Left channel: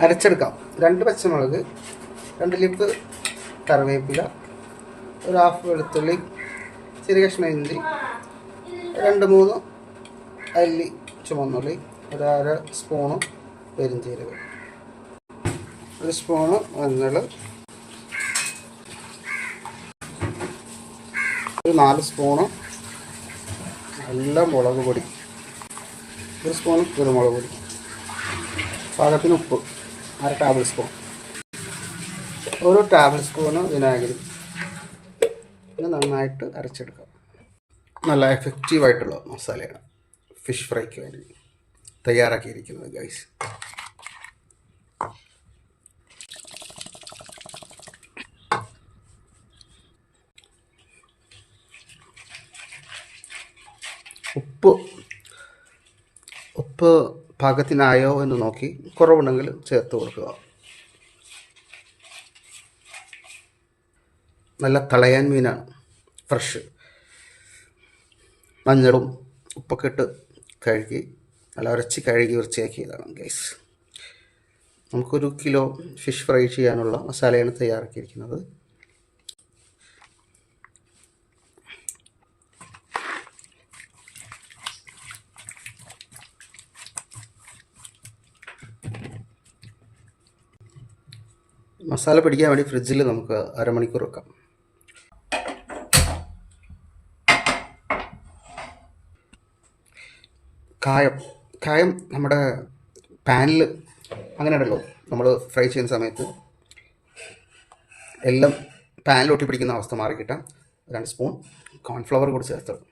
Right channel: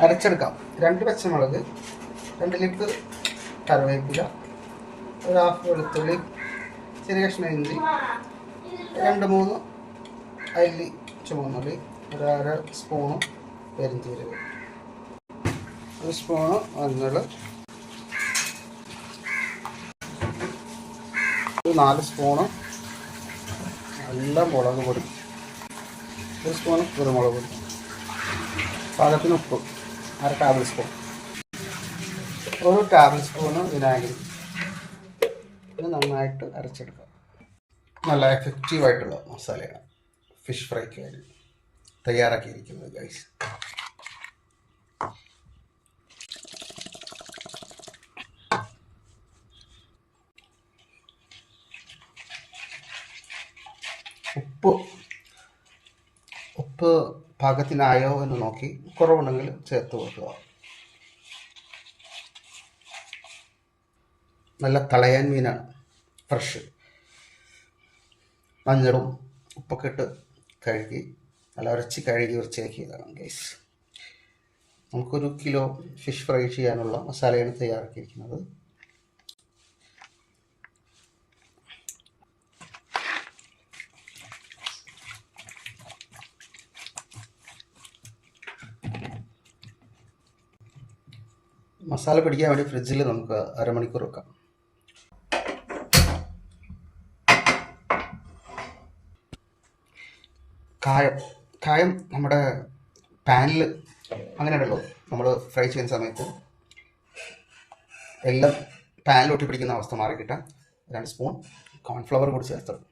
അരച്ചെടുക്കാം. 2 പച്ചമുളക്, 2 ലിപ്പ് കറിവേപ്പില, ഒരു ഹാഫ് വെളുത്തുള്ളി, ചെറിയ കഷ്ണം ഇഞ്ചി, 2-3 അല്ലി ചുവന്നുള്ളി, ഒരു അര സ്പൂണ് പെരിഞ്ചീരകം, 1 സ്പൂണ് മഞ്ഞൾ, ഒരു 4 സ്പൂണ് നല്ല മുളക് പൊടി, 1 സ്പൂൺ കുരുമുളക് പൊടി, പാകത്തിന് ഉപ്പ്, 1/2 ടേബിൾ സ്പൂൺ, 1 ടേബിൾ സ്പൂണ് വിനാഗിരി. ഇത് നന്നായിട്ട് അരച്ചെടുക്കാം. നല്ല എഫക്റ്റീവായിട്ടുള്ള മസാലയാണ് ഫിഷ് ഫ്രൈക്ക് വേണ്ടി തയ്യാറാക്കിയിരിക്കുന്നത് ഗൈസ്. ഉപ്പ് പാകത്തിനായോ എന്ന് നോക്കി കുറവുണ്ടെങ്കിൽ ചേർത്ത് കൊടുക്കുക. നല്ല തളയാൻ മീനാണ്, ഫ്രഷ്. മഞ്ഞളും ഉപ്പൊക്കെ ഇട്ട് കഴുകി നല്ല ഉരച്ച് കഴുകി വൃത്തിയാക്കിയതാണ് ഗൈസ്. നമുക്കൊരു കിലോ ഫിഷ് ഫ്രൈ ചെയ്യാനുള്ള മസാലയാണ് തയ്യാറാക്കിയിരിക്കുന്നത്. മസാല പിടിക്കാൻ വേണ്ടി ഫ്രിഡ്ജിൽ നമുക്ക് അരമണിക്കൂർ വെക്കാം. കായം നമ്മുടെ പാനിൽ അങ്ങനെ ഉണ്ടല്ലോ, നമ്മൾ ഫ്രൈ ചെയ്യുന്ന സമയത്ത് എല്ലാം പാനിൽ ഒട്ടി പിടിക്കുന്ന അവസ്ഥ മാറി കിട്ടാൻ 2 സ്പൂൺ കോൺഫ്ലവർ കൂടി ചേർത്തത്.